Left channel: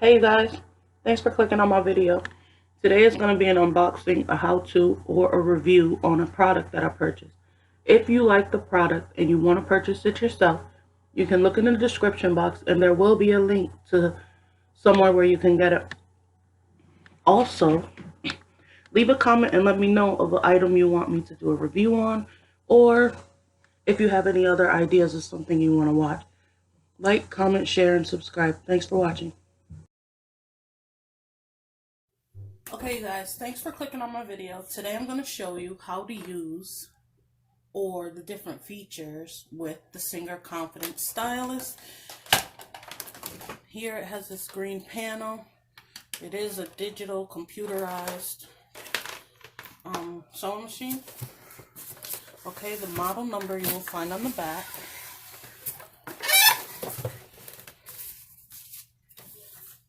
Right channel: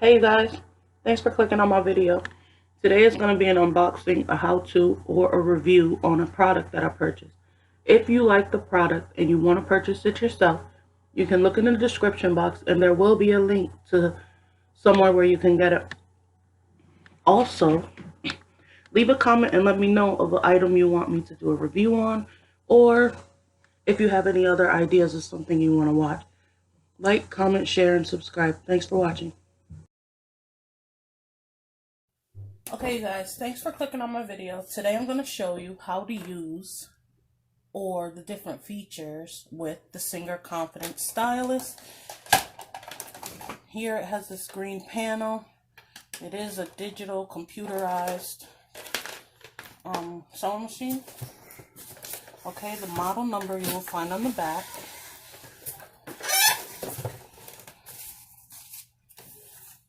Hey guys, thanks for clicking on my video. Today is going to be an unboxing, a how-to, or a review on a product that I purchased. If you like the product and you want to purchase it yourself, you can look in the description box and there will be a link to somewhere where you can get it. Also, leave a comment and let me know of an item you want me to do a review on, or if you have any other ideas of something you want to watch. Like, comment, share, and subscribe. Thanks for watching. Okay guys, thanks for clicking on my video. Today I'm going to show you how to use or the different features with the Singer Confidence Stylist. Here it has this green panel. It is a digital computerized sewing machine. Okay, the model number you will find on the back.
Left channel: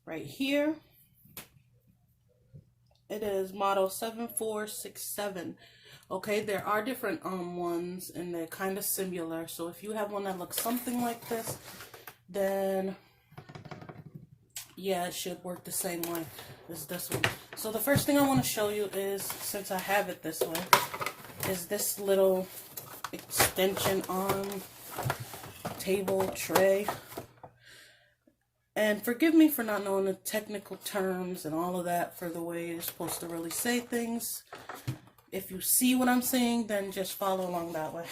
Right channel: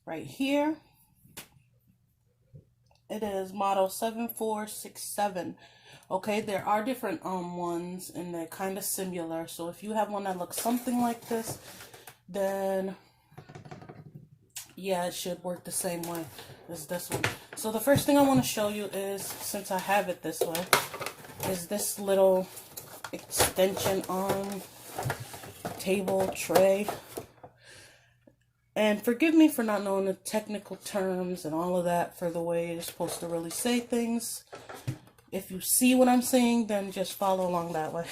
Right here. It is model 7467. Okay, there are different ones and they're kind of similar. So if you have one that looks something like this, then yeah, it should work the same way as this one. So the first thing I want to show you is, since I have it this way, is this little extension arm table tray. And forgive me for not knowing the technical terms and all of that for the way you're supposed to really say things. If you see what I'm saying, then just follow along that way.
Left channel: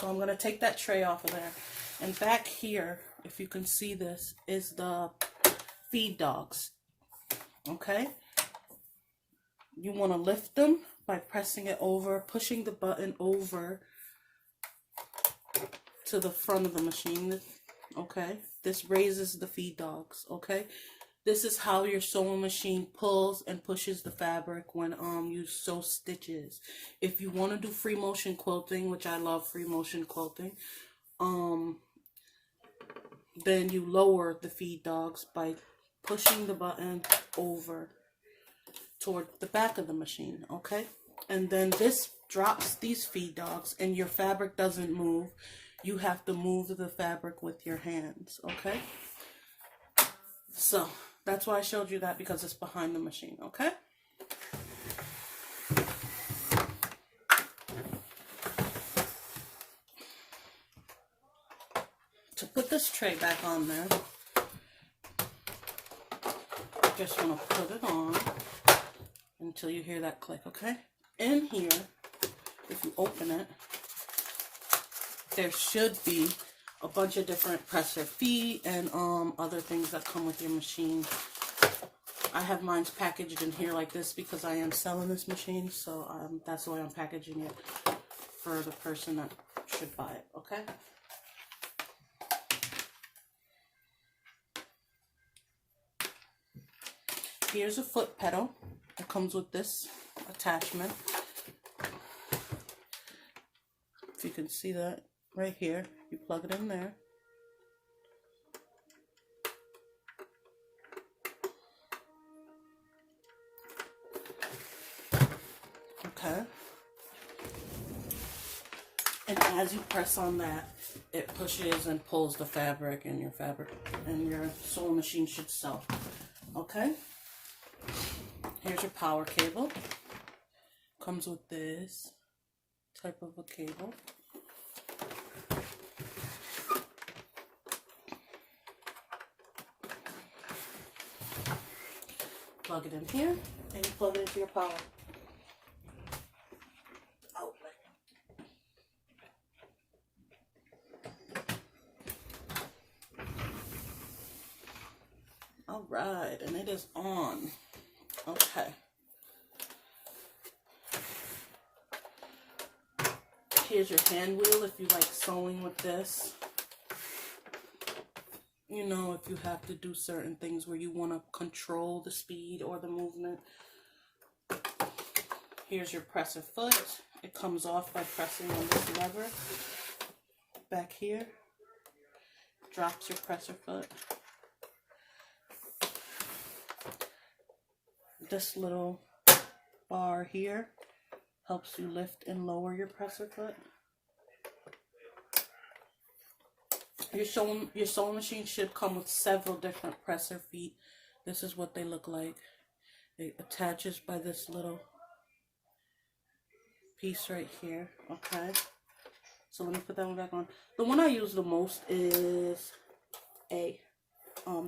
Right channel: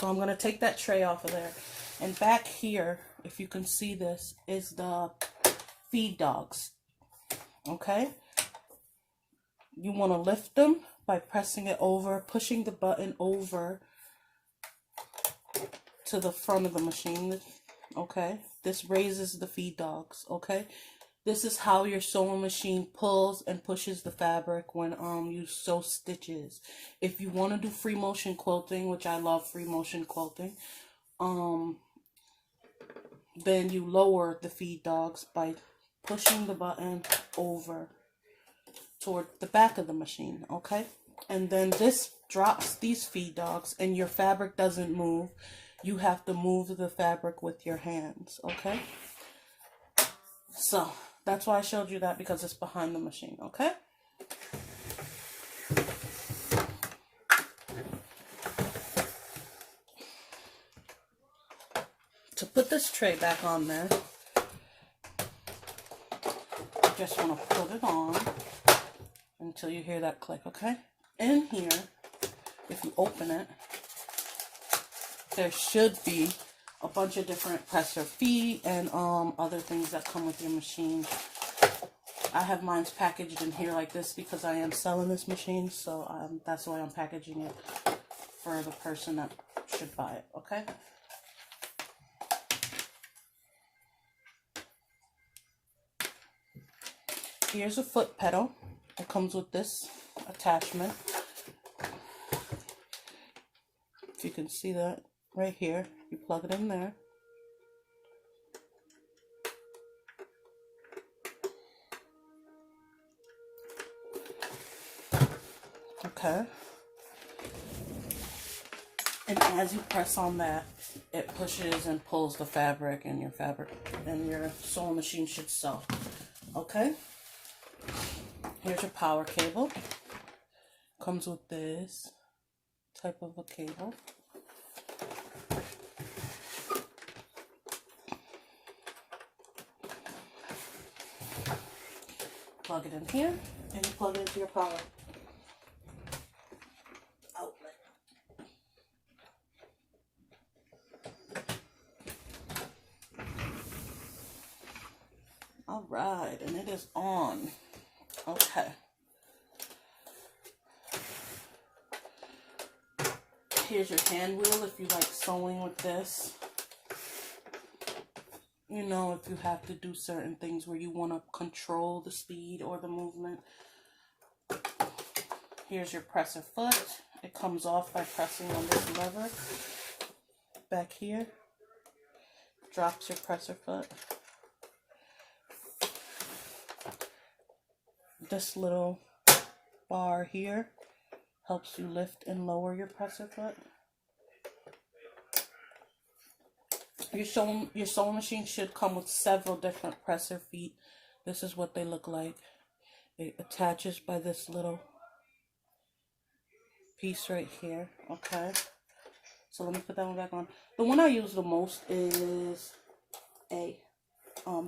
So I'm going to take that tray off of there. And back here, if you can see this, is the feed dogs. Okay? You want to lift them by pressing it over, pushing the button over to the front of the machine. Okay? This raises the feed dogs. Okay? This is how your sewing machine pulls and pushes the fabric when you sew stitches. If you want to do free motion quilting, which I love free motion quilting, then you lower the feed dogs by pushing the button over toward the back of the machine, okay? And then this drops these feed dogs and your fabric doesn't move. You have to move the fabric with your hands, okay? So that's why I showed you that, because it's behind the machine, okay? To put this tray back on there, just want to put it on until you hear that click, okay? In here, if you open it, there should be a bunch of different presser feet and other things that come with your machine. I have mine packaged in here like this because I am selling this machine, so that's why I'm packaging it for the person that should buy it, okay? Here's a foot pedal. It comes with this attachment. If you can see that right here, you plug it in there. Okay. And as you press on that, it pushes and pulls the fabric, and your sewing machine should sew. Okay? Here's your power cable. Comes with this type of a cable. Plug it in here, and you plug it into your power outlet. All right, and it is on. Okay. Here's your hand wheel if you like sewing with this. You know, if you have to do certain things where you want to control the speed or the movement. Here's your presser foot. It comes off by pressing on this lever. Back here, drops your presser foot. This little bar here helps you lift and lower your presser foot. Your sewing machine should come with several different presser feet. This is what they look like. It attaches by this little piece right here. Okay. So let me put that one back on. The one I use the most is A.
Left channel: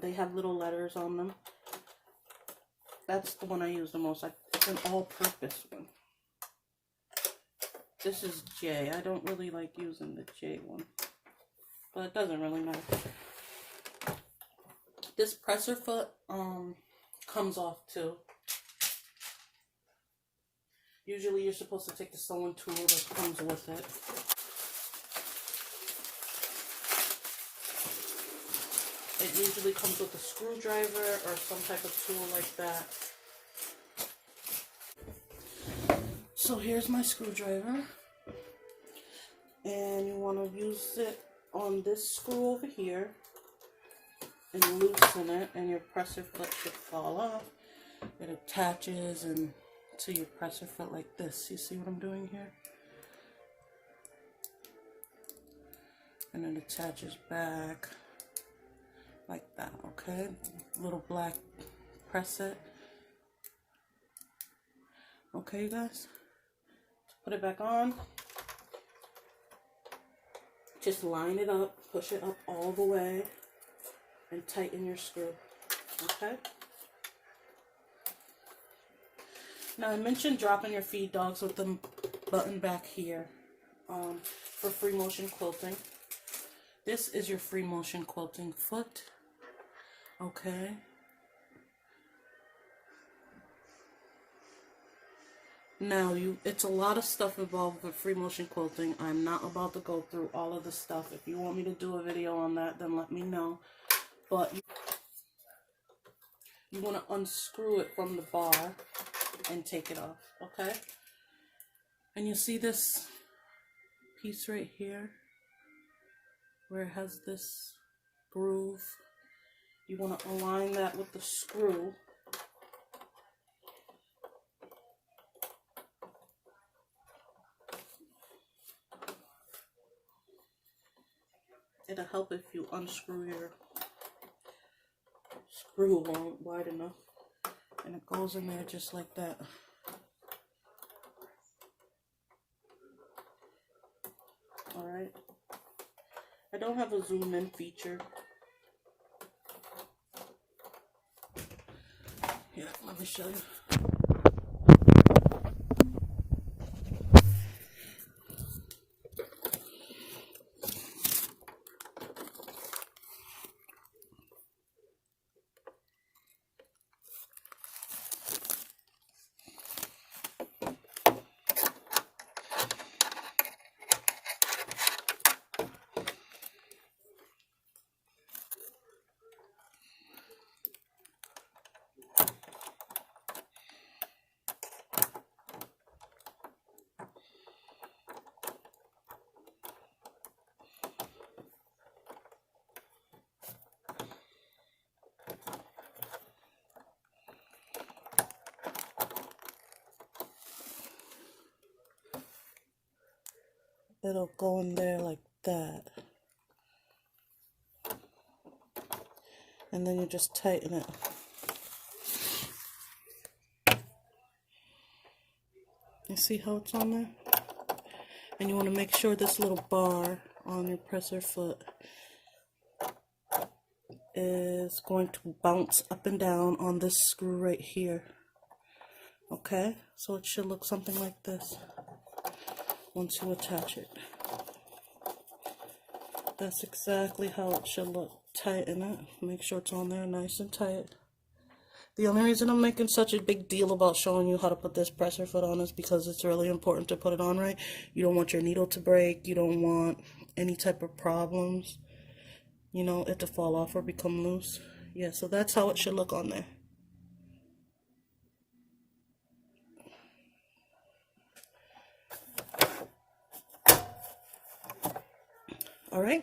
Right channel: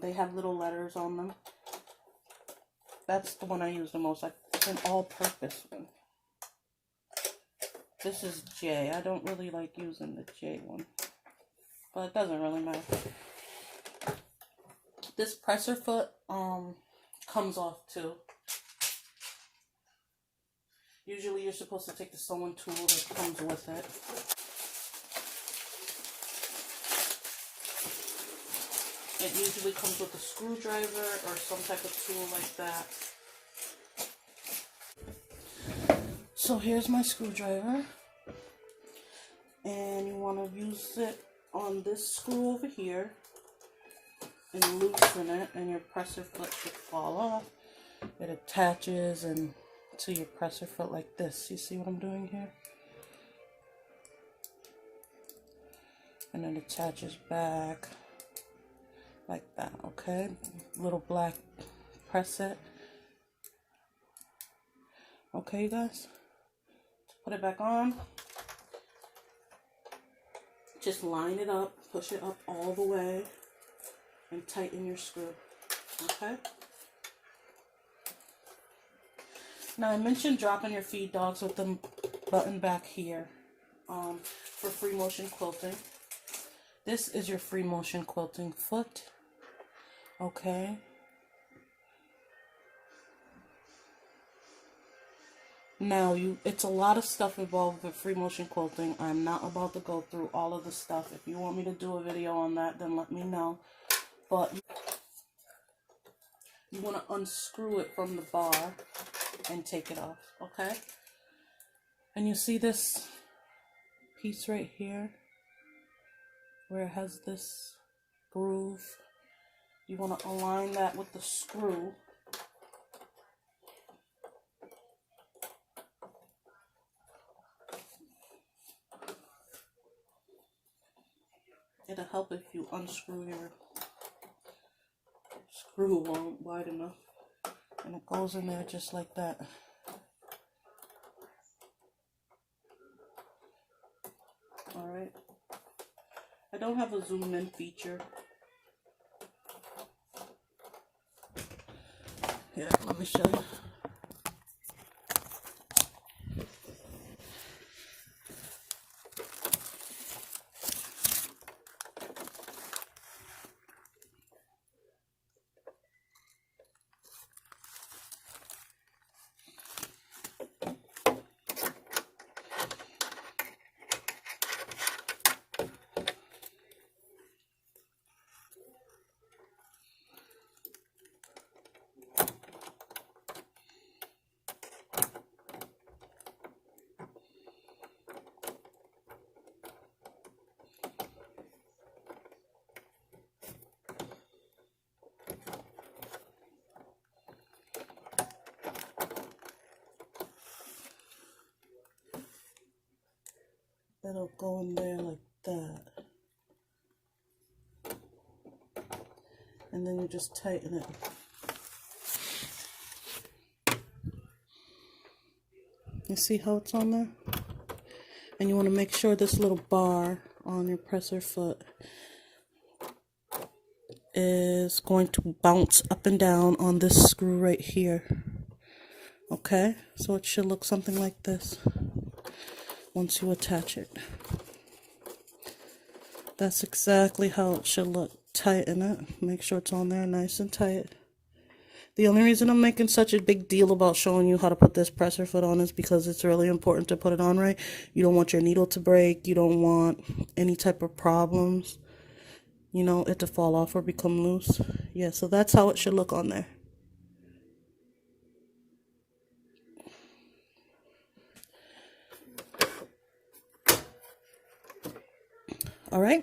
They have little letters on them. That's the one I use the most. It's an all-purpose one. This is J. I don't really like using the J one, but it doesn't really matter. This presser foot comes off too. Usually you're supposed to take the sewing tool that comes with it. It usually comes with a screwdriver or some type of tool like that. So here's my screwdriver. And you want to use it on this screw over here and loosen it, and your presser foot should fall off. It attaches and to your presser foot like this. You see what I'm doing here? And it attaches back like that, okay? Little black press it. Okay, you guys? So put it back on. Just line it up, push it up all the way, and tighten your screw, okay? Now, I mentioned dropping your feed dogs with them button back here for free motion quilting. This is your free motion quilting foot, okay? Now, it's a lot of stuff involved with free motion quilting. I'm not about to go through all of the stuff. If you want me to do a video on that, then let me know. But you want to unscrew it from the bar and take it off, okay? And you see this piece right here where it has this groove? You want to align that with the screw. It'll help if you unscrew your screw wide enough. And it goes in there just like that. Alright. I don't have a zoom in feature. Here, let me show you. It'll go in there like that. And then you just tighten it. You see how it's on there? And you want to make sure this little bar on your presser foot is going to bounce up and down on this screw right here. Okay? So it should look something like this once you attach it. That's exactly how it should look. Tighten it. Make sure it's on there nice and tight. The only reason I'm making such a big deal about showing you how to put this presser foot on is because it's really important to put it on right. You don't want your needle to break. You don't want any type of problems. You know, it to fall off or become loose. Yeah, so that's how it should look on there. All right.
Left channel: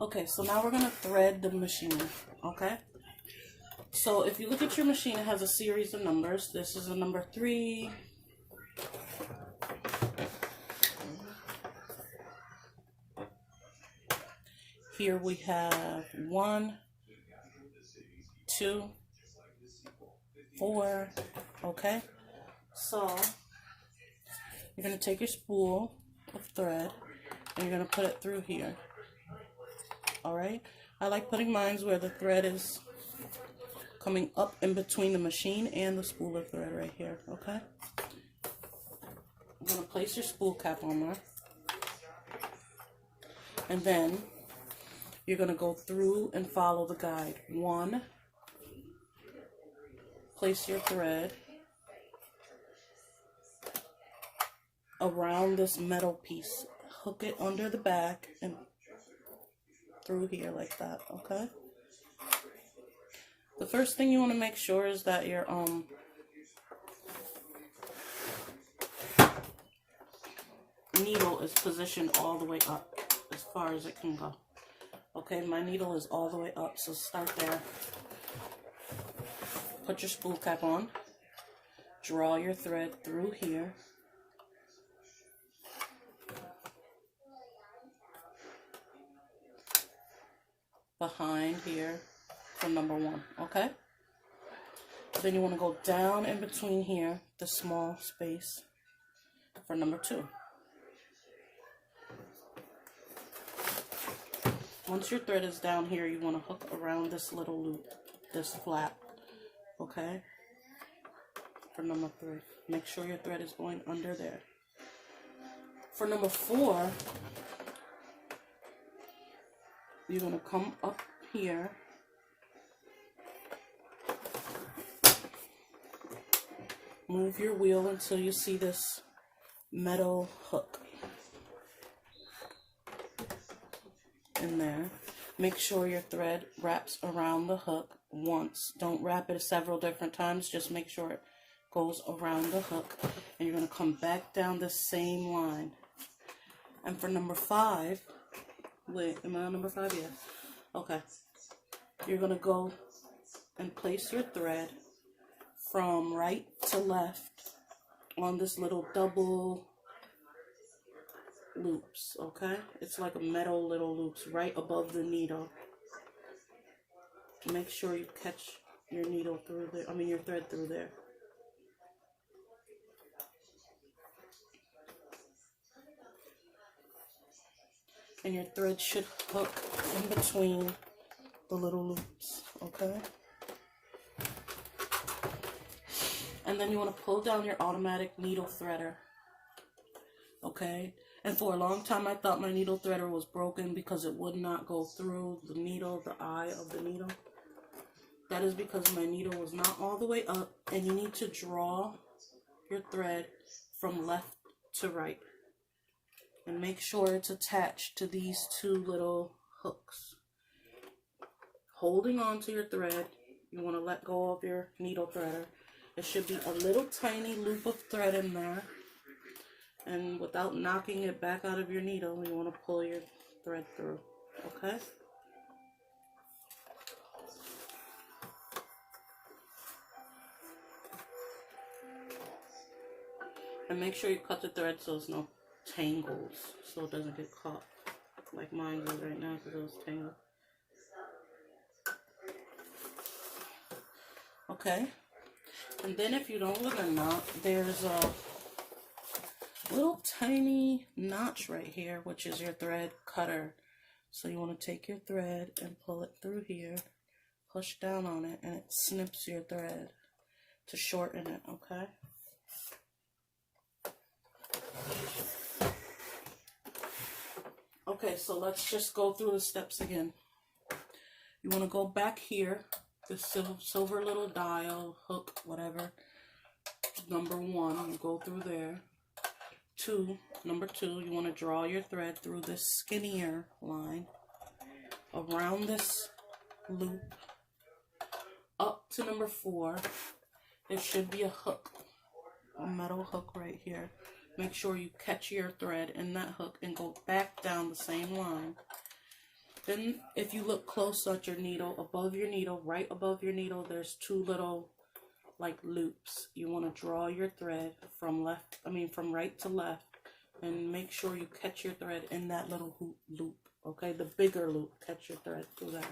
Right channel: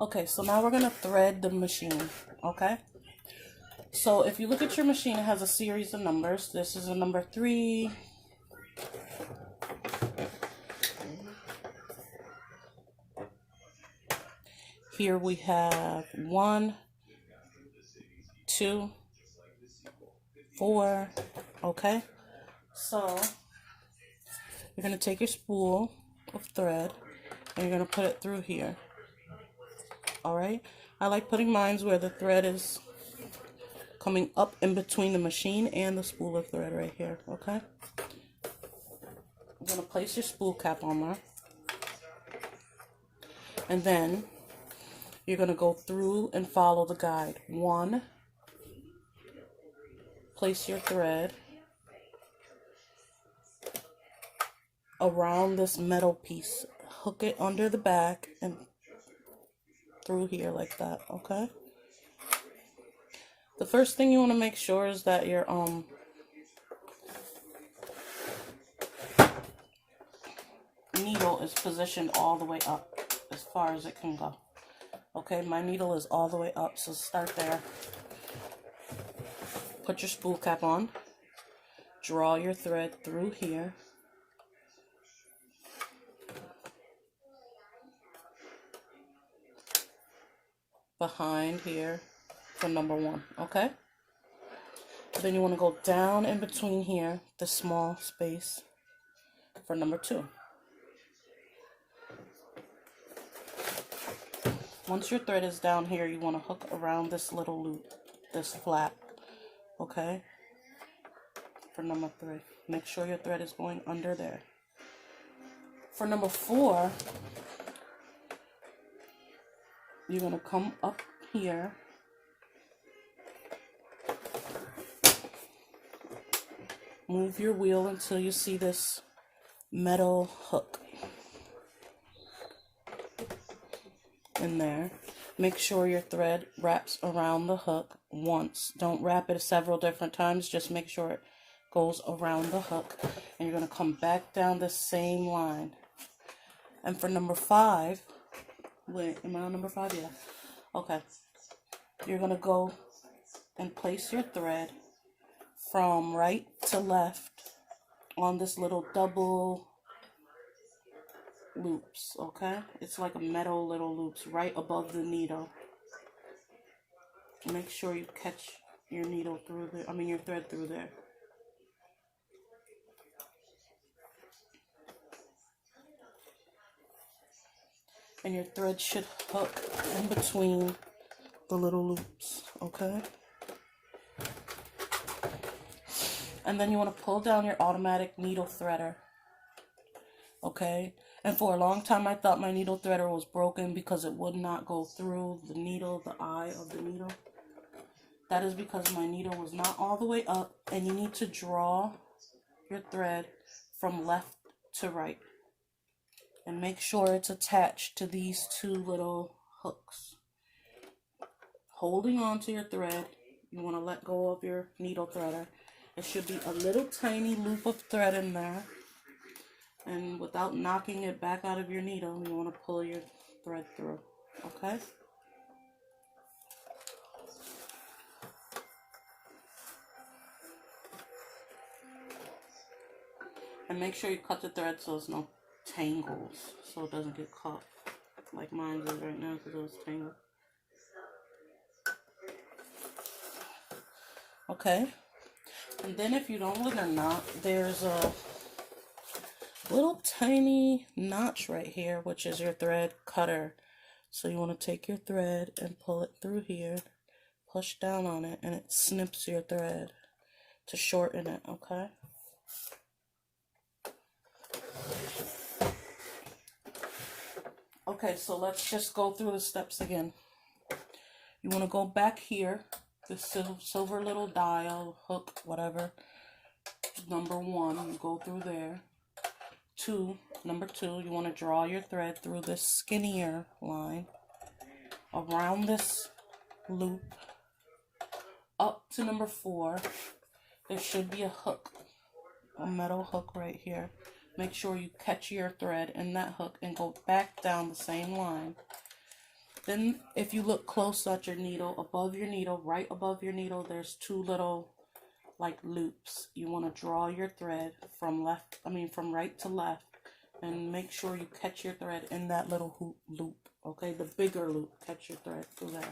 Okay, so now we're going to thread the machine, okay? So if you look at your machine, it has a series of numbers. This is a number 3, Here we have 1, 2, 4. Okay, so you're going to take your spool of thread and you're going to put it through here. Alright, I like putting mine where the thread is coming up in between the machine and the spool of thread right here. Okay, I'm going to place your spool cap on there, and then you're going to go through and follow the guide. 1, place your thread around this metal piece, hook it under the back and through here like that. Okay, the first thing you want to make sure is that your needle is positioned all the way up as far as it can go. Okay, my needle is all the way up, so start there. Put your spool cap on, draw your thread through here, behind here for number 1. Okay, then you want to go down in between here, the small space, for number 2. Once your thread is down here, you want to hook around this little loop, this flap. Okay, for number 3, make sure your thread is going under there. For number 4, you're going to come up here, move your wheel until you see this metal hook in there. Make sure your thread wraps around the hook once. Don't wrap it several different times, just make sure it goes around the hook, and you're going to come back down the same line. And for number 5, wait, am I on number 5? Yeah. Okay. You're going to go and place your thread from right to left on this little double loops. Okay? It's like a metal little loops right above the needle. Make sure you catch your needle through there, your thread through there. And your thread should hook in between the little loops, okay? And then you want to pull down your automatic needle threader, okay? And for a long time, I thought my needle threader was broken because it would not go through the needle, the eye of the needle. That is because my needle was not all the way up, and you need to draw your thread from left to right. And make sure it's attached to these 2 little hooks. Holding on to your thread, you want to let go of your needle threader. It should be a little tiny loop of thread in there. And without knocking it back out of your needle, you want to pull your thread through. Okay? And make sure you cut the thread so there's no tangles, so it doesn't get caught like mine is right now because it was tangled. Okay, and then if you don't with a knot, there's a little tiny notch right here, which is your thread cutter. So you want to take your thread and pull it through here, push down on it, and it snips your thread to shorten it. Okay. Okay, so let's just go through the steps again. You want to go back here, the silver little dial, hook, whatever. Number 1, you go through there. Number 2, you want to draw your thread through this skinnier line, around this loop, up to number 4. There should be a hook, a metal hook right here. Make sure you catch your thread in that hook and go back down the same line. Then if you look close at your needle, above your needle, right above your needle, there's 2 little like loops. You want to draw your thread from right to left and make sure you catch your thread in that little hoop loop, okay? The bigger loop, catch your thread through there.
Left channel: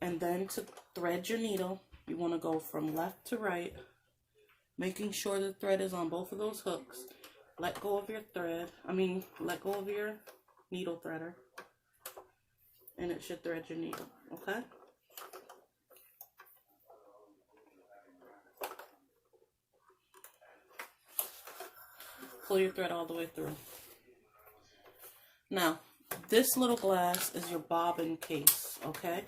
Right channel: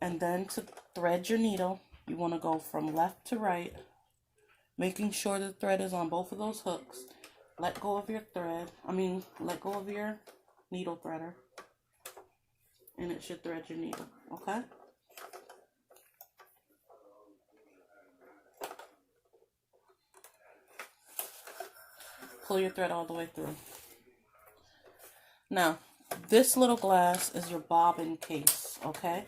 And then to thread your needle, you want to go from left to right, making sure the thread is on both of those hooks. Let go of your thread, let go of your needle threader, and it should thread your needle, okay? Pull your thread all the way through. Now, this little glass is your bobbin case, okay?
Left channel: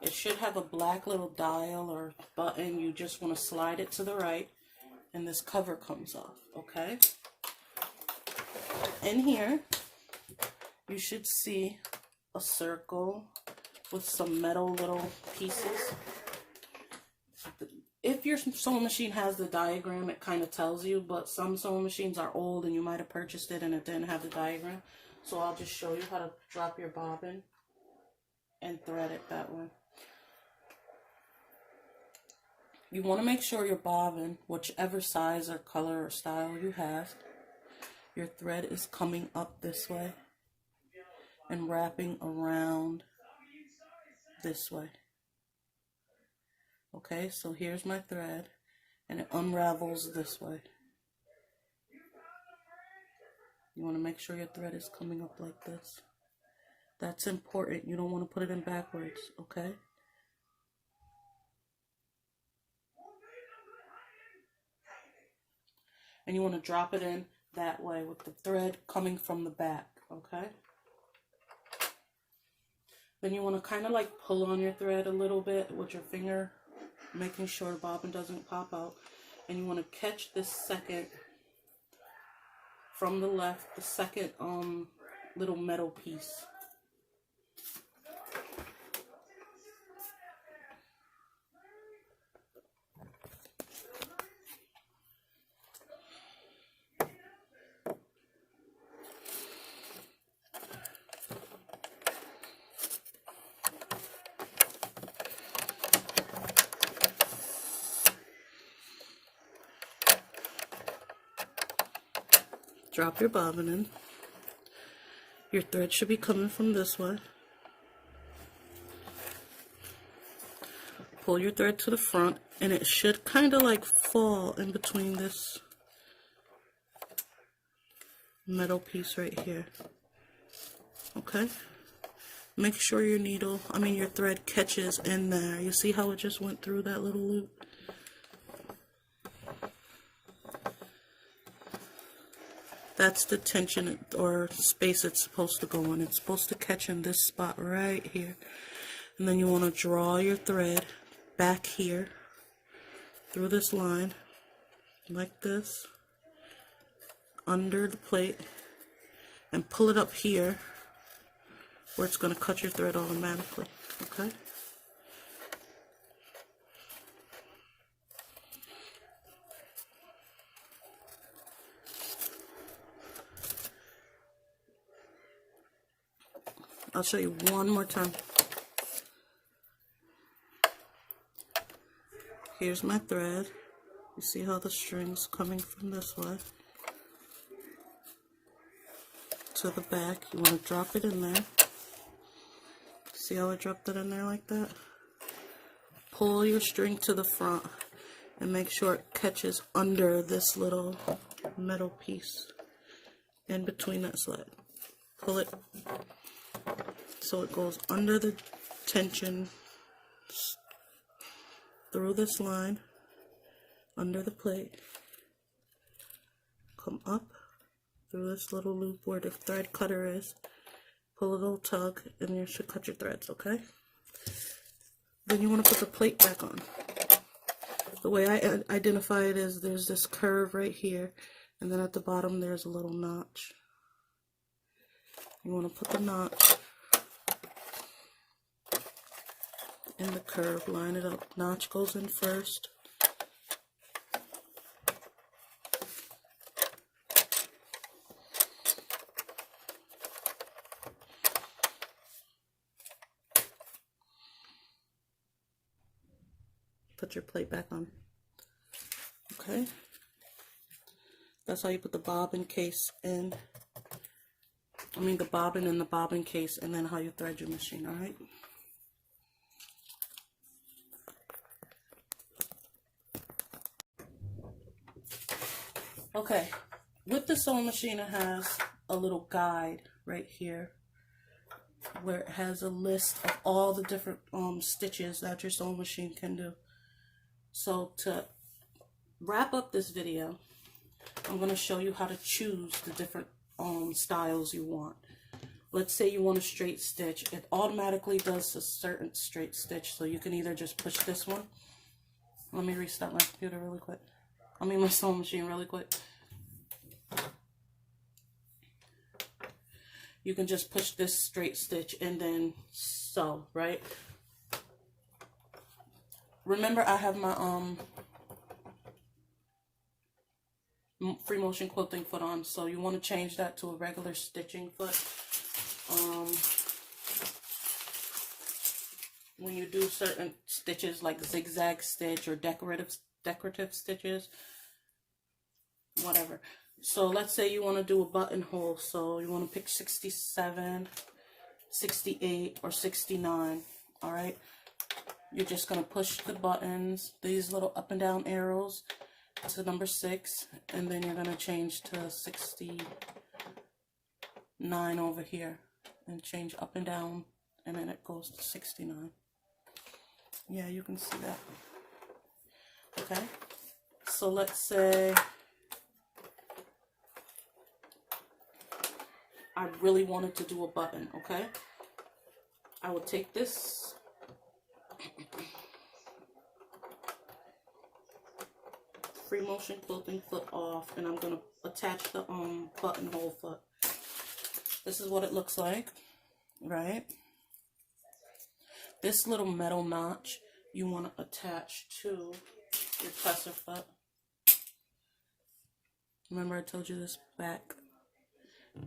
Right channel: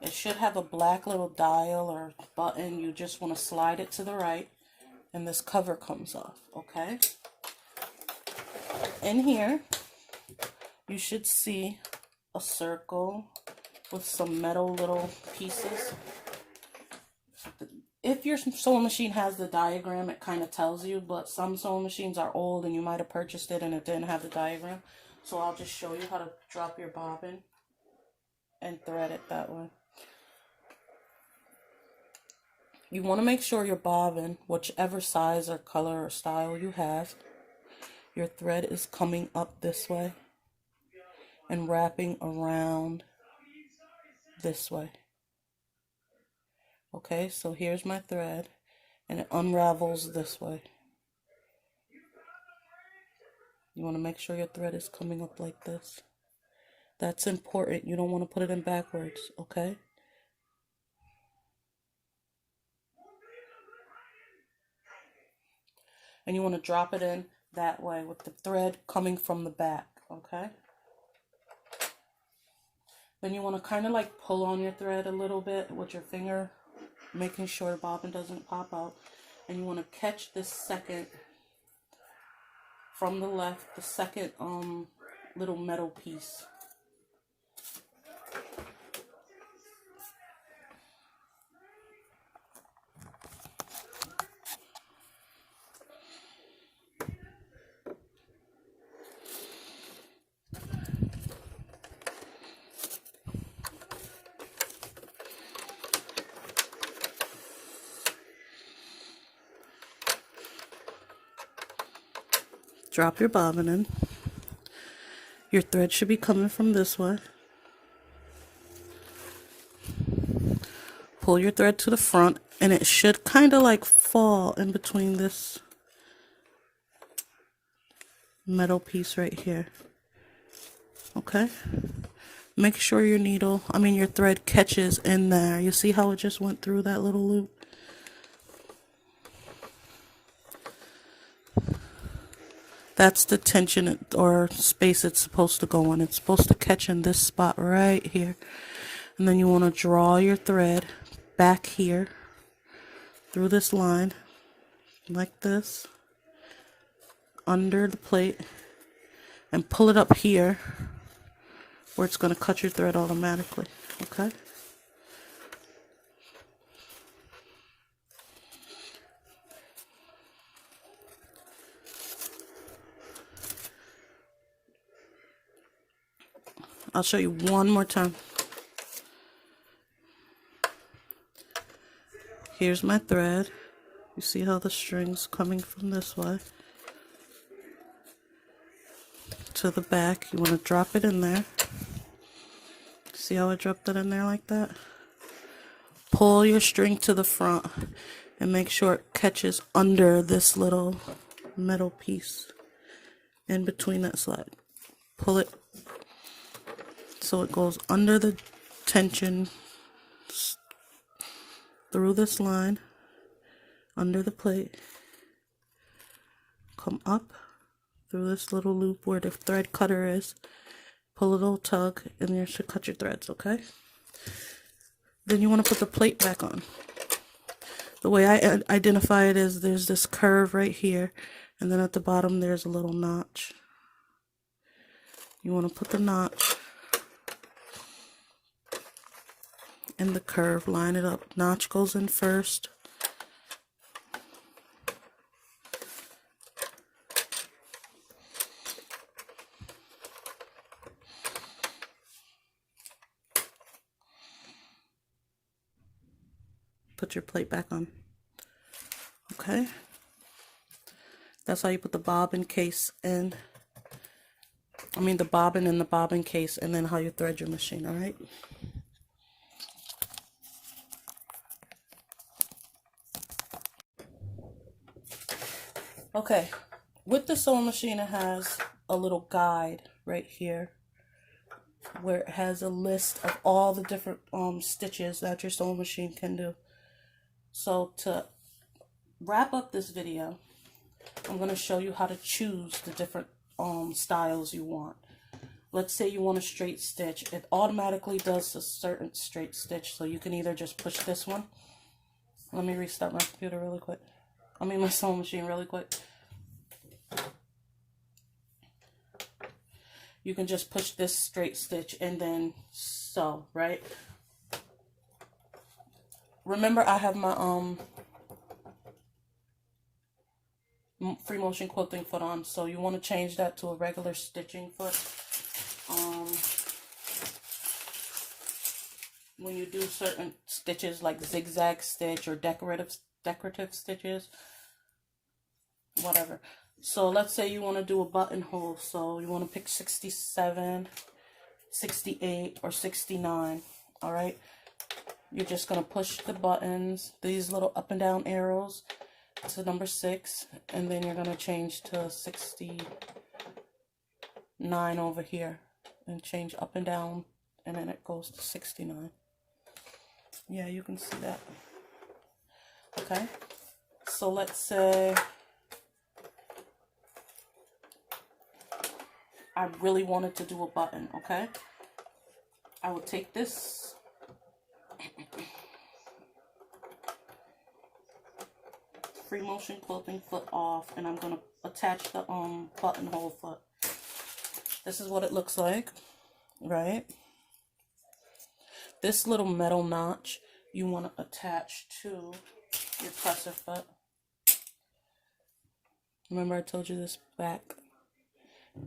It should have a black little dial or button. You just want to slide it to the right, and this cover comes off, okay? In here, you should see a circle with some metal little pieces. If your sewing machine has the diagram, it kind of tells you, but some sewing machines are old and you might have purchased it and it didn't have the diagram. So I'll just show you how to drop your bobbin and thread it that way. You want to make sure your bobbin, whichever size or color or style you have, your thread is coming up this way and wrapping around this way. Okay, so here's my thread, and it unravels this way. You want to make sure your thread is coming up like this. That's important. You don't want to put it in backwards, okay? And you want to drop it in that way with the thread coming from the back, okay? Then you want to kind of like pull on your thread a little bit with your finger, making sure the bobbin doesn't pop out. And you want to catch this second, from the left, the second little metal piece. Drop your bobbin in. Your thread should be coming from this way. Pull your thread to the front, and it should kind of like fall in between this metal piece right here. Okay? Make sure your your thread catches in there. You see how it just went through that little loop? That's the tension or space it's supposed to go in. It's supposed to catch in this spot right here. And then you want to draw your thread back here through this line like this under the plate and pull it up here where it's going to cut your thread automatically. Okay? I'll show you one more time. Here's my thread. You see how the string's coming from this way to the back. You want to drop it in there. See how I dropped it in there like that? Pull your string to the front and make sure it catches under this little metal piece in between that slide. Pull it so it goes under the tension, through this line, under the plate, come up through this little loop where the thread cutter is, pull a little tug, and you should cut your threads, okay? Then you want to put the plate back on. The way I identify it is there's this curve right here, and then at the bottom there's a little notch. You want to put the notch in the curve, line it up. Notch goes in first. Put your plate back on. Okay? That's how you put the bobbin case in. I mean the bobbin in the bobbin case, and then how you thread your machine, all right? Okay, with the sewing machine, it has a little guide right here where it has a list of all the different stitches that your sewing machine can do. So to wrap up this video, I'm going to show you how to choose the different styles you want. Let's say you want a straight stitch. It automatically does a certain straight stitch, so you can either just push this one. Let me restart my computer really quick. I mean my sewing machine really quick. You can just push this straight stitch and then sew, right? Remember, I have my free motion quilting foot on, so you want to change that to a regular stitching foot. When you do certain stitches like zigzag stitch or decorative stitches, whatever. So let's say you want to do a buttonhole, so you want to pick 67, 68, or 69, all right? You're just going to push the buttons, these little up and down arrows, to number 6, and then you're going to change to 69 over here, and change up and down, and then it goes to 69. Yeah, you can see that. Okay, so let's say I really wanted to do a button, okay? I will take this free motion quilting foot off, and I'm going to attach the buttonhole foot. This is what it looks like, right? This little metal notch you want to attach to your presser foot. Remember I told you this back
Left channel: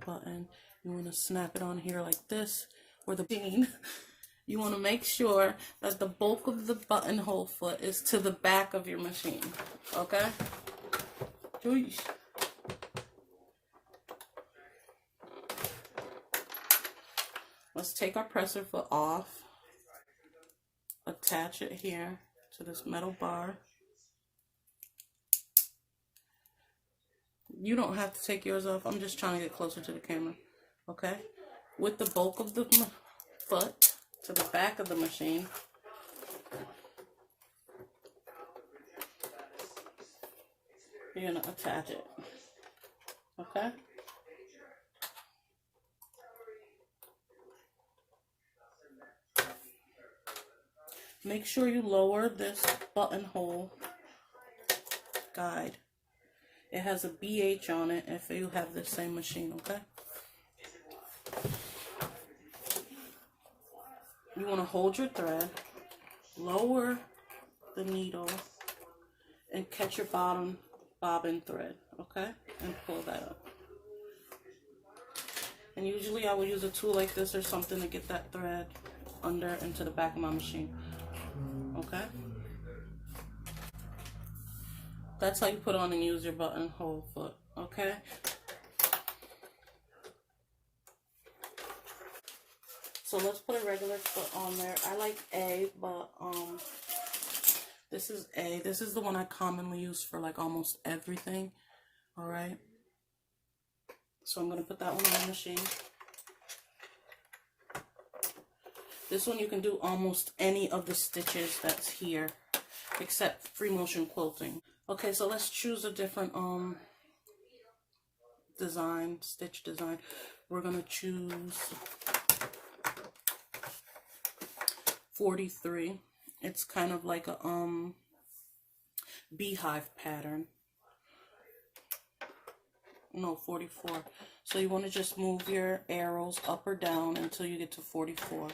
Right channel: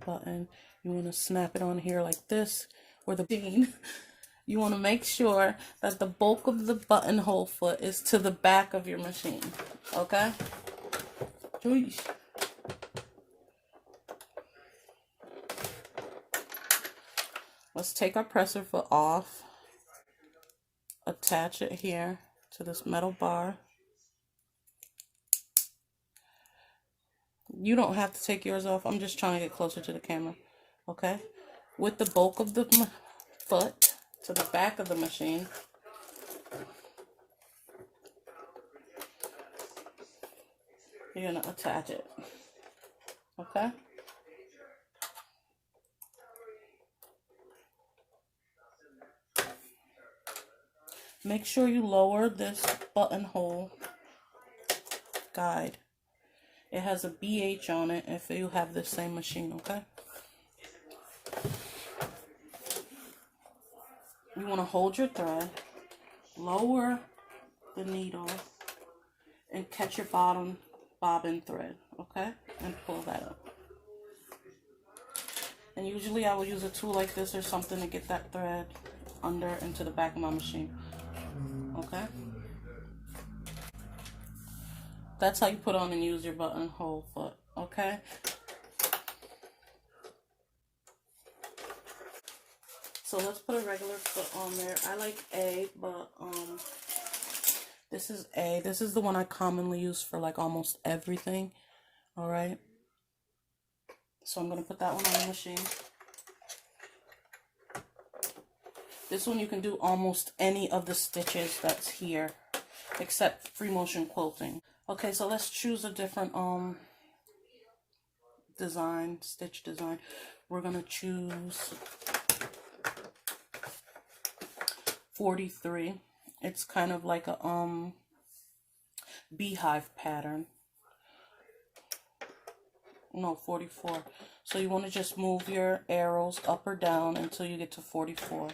button, you want to snap it on here like this, or the bean. You want to make sure that the bulk of the buttonhole foot is to the back of your machine, okay? Jeez. Let's take our presser foot off, attach it here to this metal bar. You don't have to take yours off. I'm just trying to get closer to the camera. Okay? With the bulk of the foot to the back of the machine, you're going to attach it. Okay? Make sure you lower this buttonhole guide. It has a BH on it if you have the same machine, okay? You want to hold your thread, lower the needle, and catch your bottom bobbin thread, okay? And pull that up. And usually I would use a tool like this or something to get that thread under into the back of my machine, okay? That's how you put on and use your buttonhole foot, okay? So let's put a regular foot on there. I like A, but this is A. This is the one I commonly use for like almost everything, all right? So I'm going to put that one on the machine. This one you can do almost any of the stitches that's here, except free motion quilting. Okay, so let's choose a different design, stitch design. We're gonna choose 43. It's kind of like a beehive pattern. No, 44. So you want to just move your arrows up or down until you get to 44.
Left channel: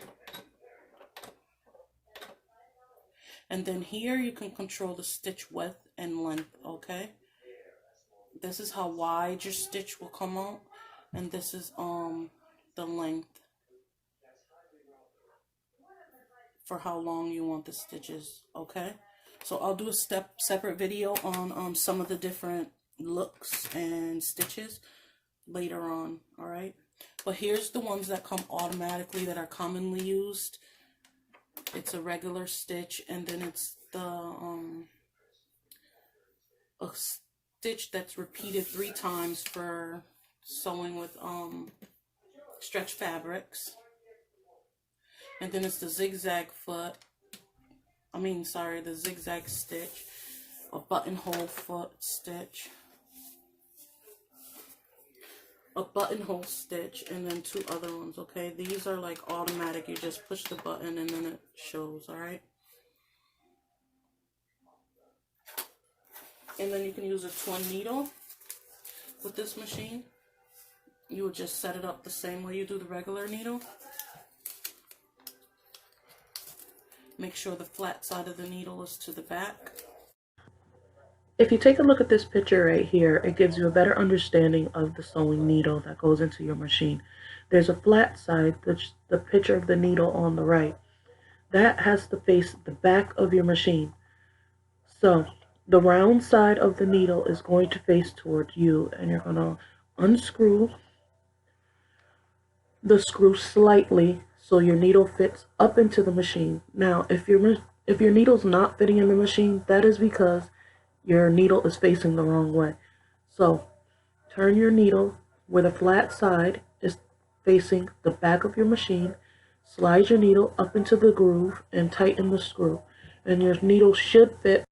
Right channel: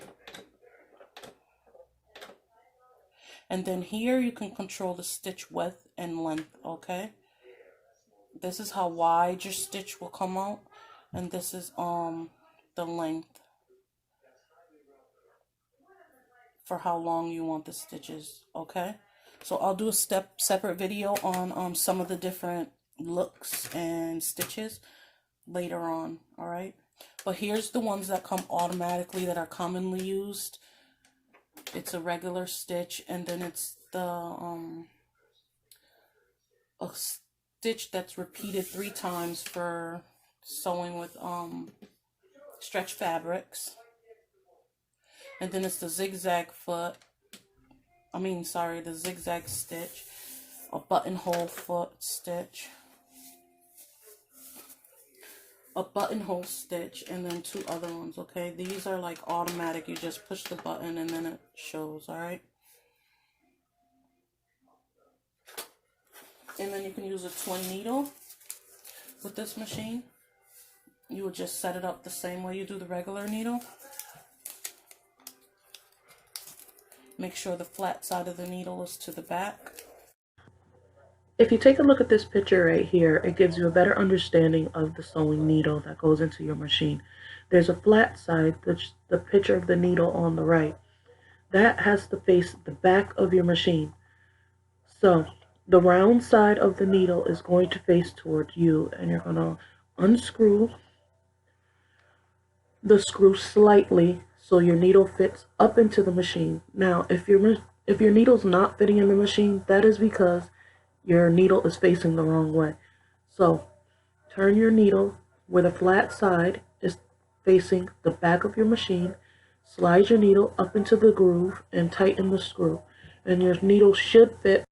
And then here you can control the stitch width and length, okay? This is how wide your stitch will come out, and this is the length for how long you want the stitches, okay? So I'll do a separate video on some of the different looks and stitches later on, all right? But here's the ones that come automatically that are commonly used. It's a regular stitch, and then it's the a stitch that's repeated 3 times for sewing with stretch fabrics. And then it's the zigzag foot. The zigzag stitch, a buttonhole foot stitch, a buttonhole stitch, and then 2 other ones, okay? These are like automatic. You just push the button and then it shows, all right? And then you can use a twin needle with this machine. You would just set it up the same way you do the regular needle. Make sure the flat side of the needle is to the back. If you take a look at this picture right here, it gives you a better understanding of the sewing needle that goes into your machine. There's a flat side, the picture of the needle on the right. That has to face the back of your machine. So the round side of the needle is going to face toward you, and you're going to unscrew the screw slightly so your needle fits up into the machine. Now, if your needle's not fitting in the machine, that is because your needle is facing the wrong way. So turn your needle where the flat side is facing the back of your machine, slide your needle up into the groove and tighten the screw, and your needle should fit.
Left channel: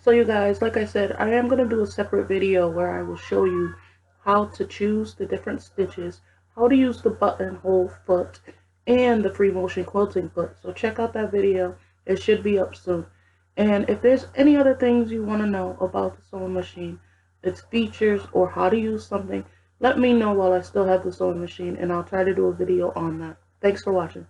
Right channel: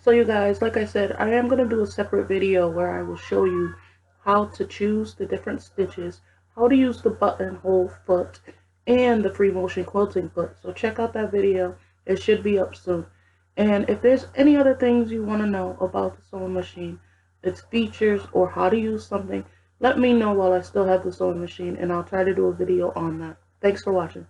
So you guys, like I said, I am going to do a separate video where I will show you how to choose the different stitches, how to use the buttonhole foot, and the free motion quilting foot. So check out that video. It should be up soon. And if there's any other things you want to know about the sewing machine, its features, or how to use something, let me know while I still have the sewing machine, and I'll try to do a video on that. Thanks for watching.